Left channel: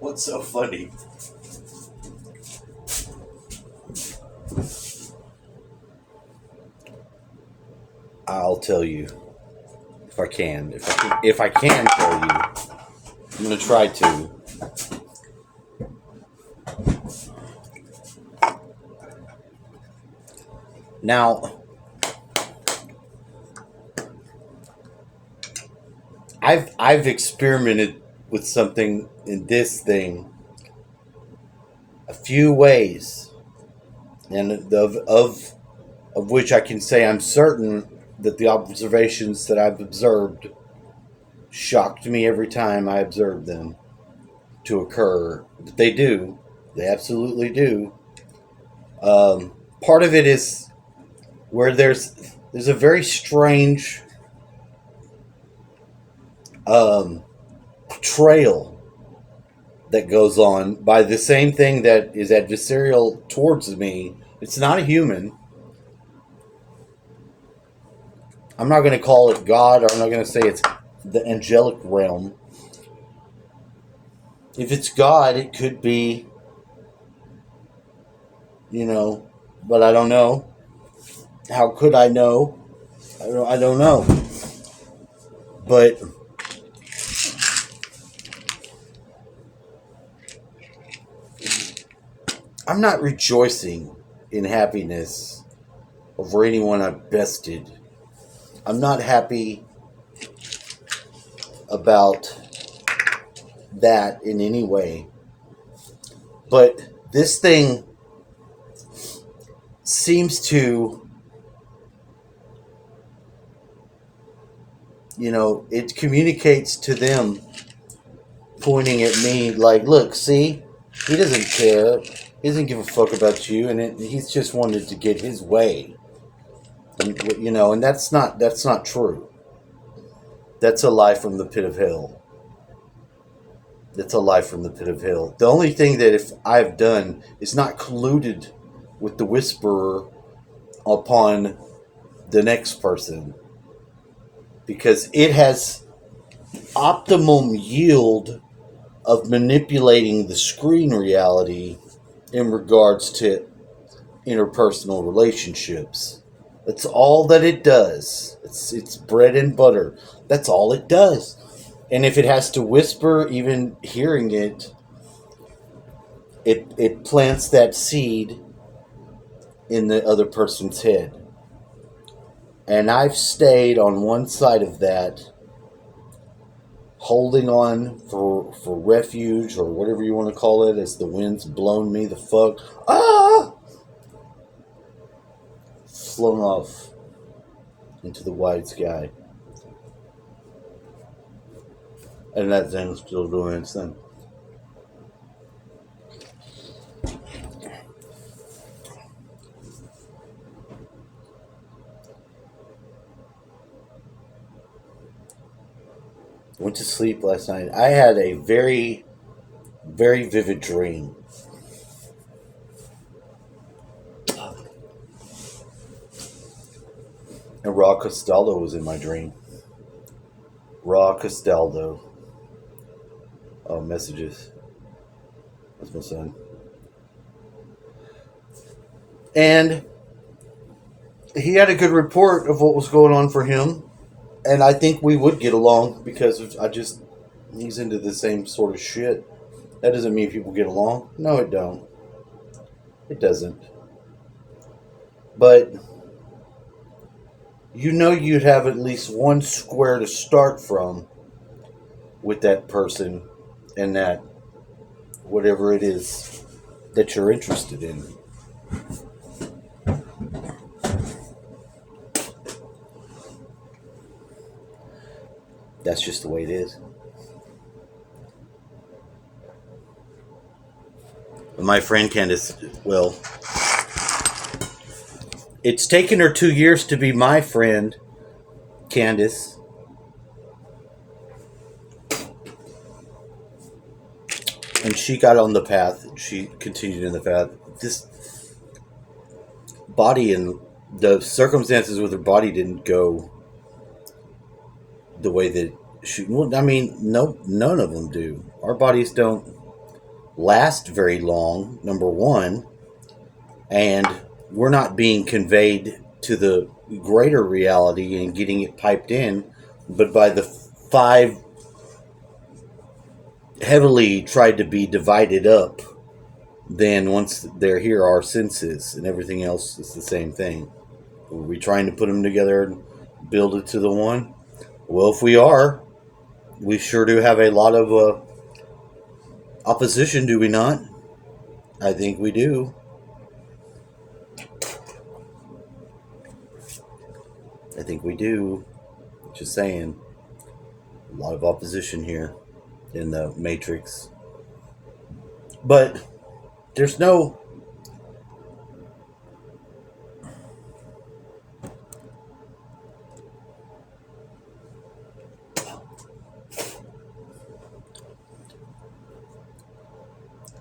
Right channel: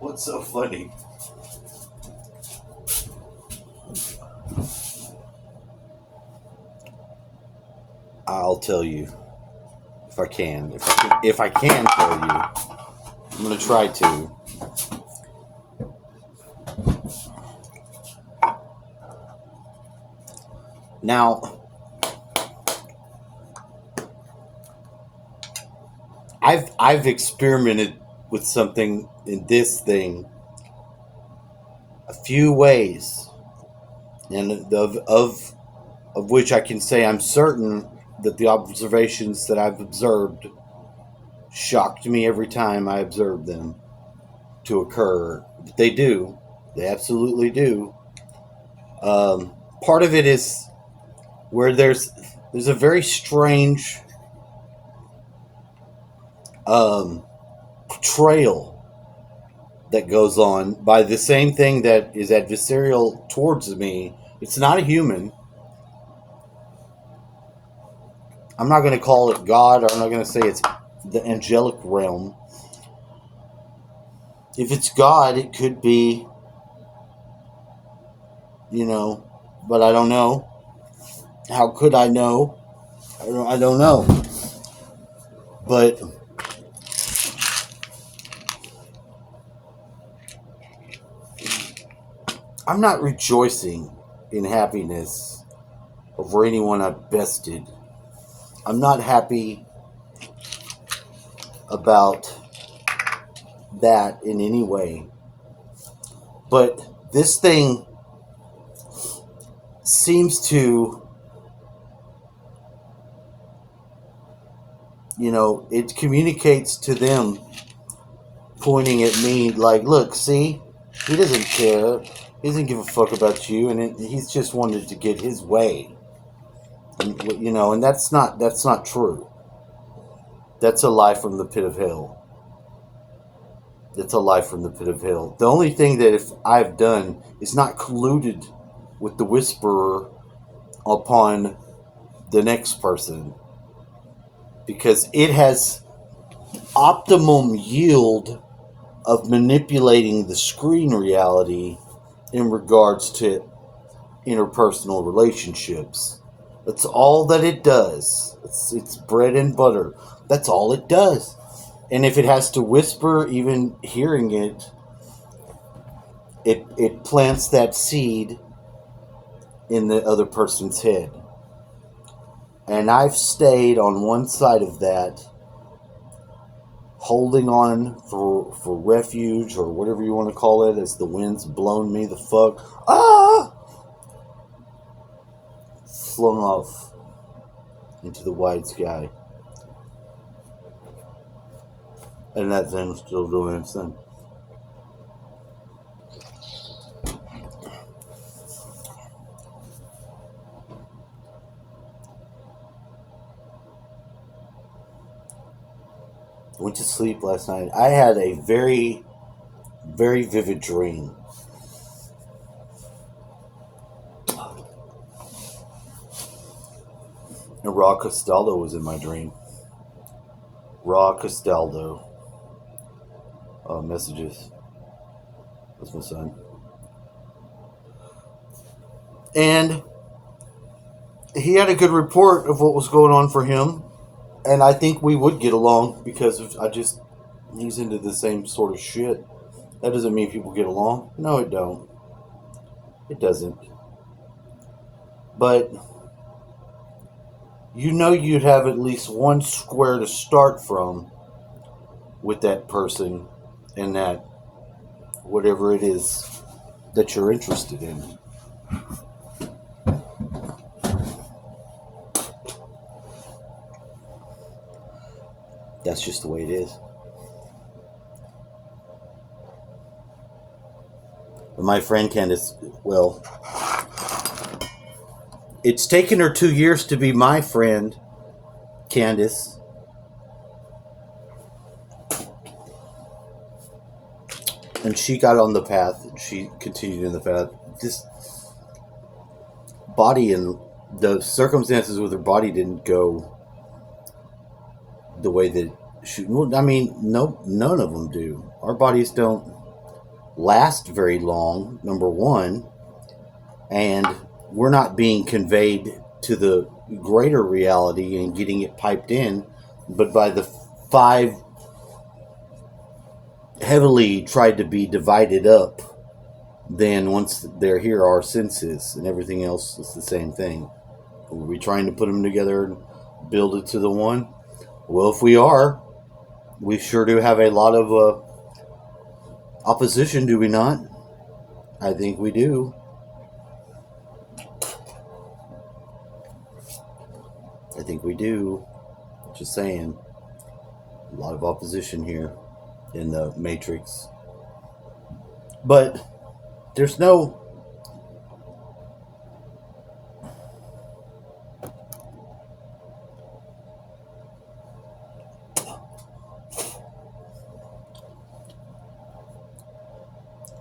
What's so funny? I'll tell you if I can. If I can tell you, I'm gonna try to. Now, I've experimented with something in this thing a few ways, and of which I can say I'm certain that the observations that I've observed shocked me every time I observed them to occur. But they do. They absolutely do. Part of it is where there's a very strange portrayal that goes on by the same thing that is adversarial towards me. It's not a human. I'm not going to call it God, or I'm not going to say it's the angelic realm. If it's God, it could be, but I don't know. How could I know? I don't know. But I'm not rejoicing in happiness over anyone I've bested. I'm not happy about that in any way. But this thing seems to, it communicates to them, pointing at me like, look, see, he doesn't care. He doesn't give a fuck about you, and he's just wanted to get his way. And that's not true. That's a lie from the pit of hell. That's a lie from the pit of hell. The only thing that if I've done is not colluded with the whisperer upon the next person, because it has optimum yield of manipulating the screen reality in regards to interpersonal relationships. That's all that it does. It's bread and butter. That's all it does. And if it has to whisper, even hearing it plants that seed in the other person's head. And I've stayed on one side of that, holding on for refuge, or whatever you want to call it, as the wind's blown me the fuck. Flung off into the wide sky. And that thing's still doing its thing. Went to sleep last night. I had a very, very vivid dream. And Raw Castaldo was in my dream. Raw Castaldo. Messages. That's my son. And he had a good report of what was going on for him. And I think we would get along because he's into the same sort of shit. That doesn't mean people get along. No, it don't. It doesn't. But you'd have at least one square to start from with that person and that whatever it is that you're interested in. That's just the way it is. My friend Candace, well, it's taken her 2 years to be my friend, Candace. And she got on the path. She continued in the path. This body and the circumstances with her body didn't go the way that she. Well, I mean, no, none of them do. Our bodies don't last very long. Number one, and we're not being conveyed to the greater reality and getting it piped in, but by the five heavily tried to be divided up. Then once they're here, our senses and everything else is the same thing. Are we trying to put them together and build it to the one? Well, if we are, we sure do have a lot of opposition, do we not? I think we do. I think we do. Just saying. A lot of opposition here in the Matrix. But there's no...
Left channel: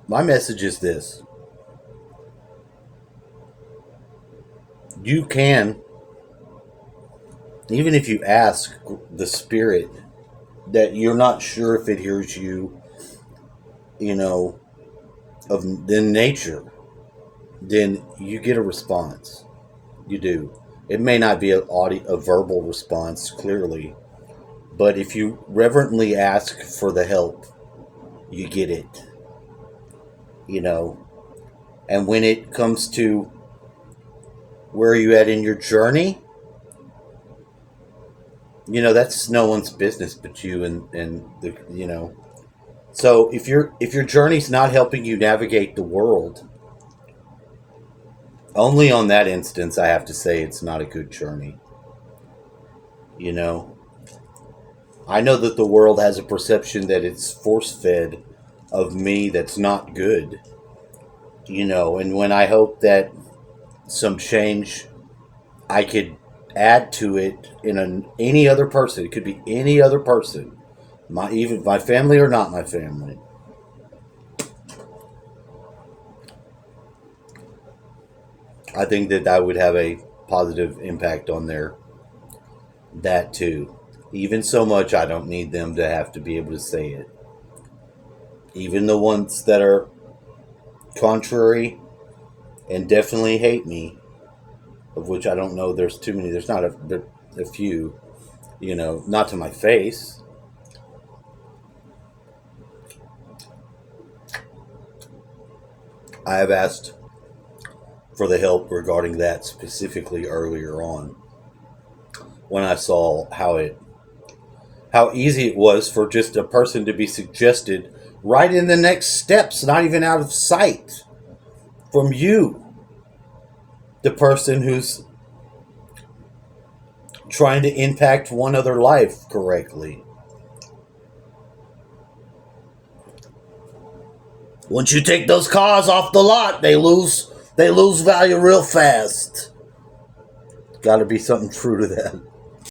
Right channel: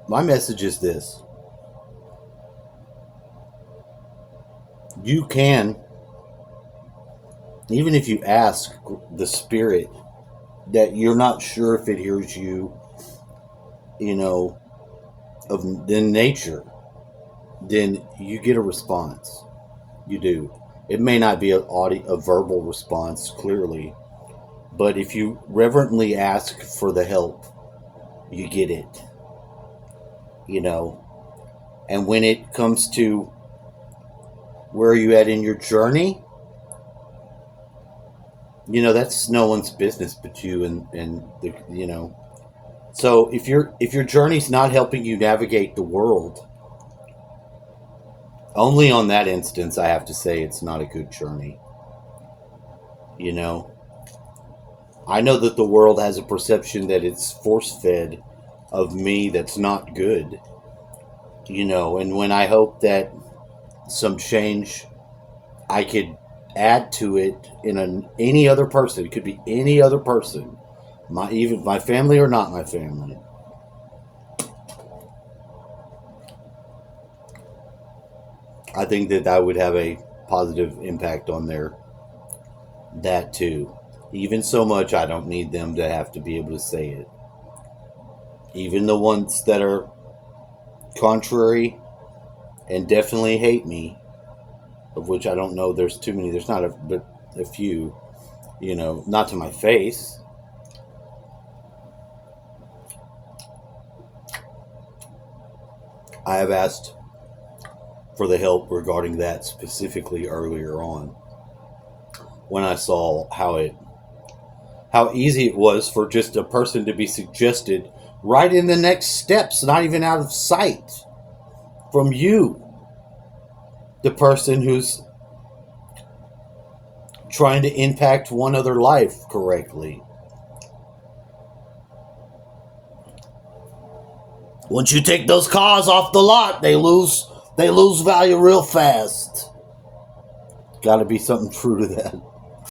My message is this. You can, even if you ask the spirit that you're not sure if it hears you, of the nature, then you get a response. You do. It may not be a verbal response, clearly, but if you reverently ask for the help, you get it. And when it comes to where are you at in your journey, that's no one's business but you and the. So if your journey's not helping you navigate the world, only on that instance I have to say it's not a good journey. I know that the world has a perception that it's force-fed of me that's not good. And when I hope that some change I could add to it in any other person, it could be any other person, even my family or not my family. I think that would have a positive impact on that too. Even so much I don't need them to have to be able to say it. Even the ones that are contrary and definitely hate me, of which I don't know, there's too many, there's not a few, not to my face. I have asked for the help regarding that specifically earlier on, when I saw how easy it was for just a person to be suggested right in the next steps, not even out of sight from you, the person who's trying to impact one other life correctly. Once you take those cars off the lot, they lose value real fast. Got to be something true to that.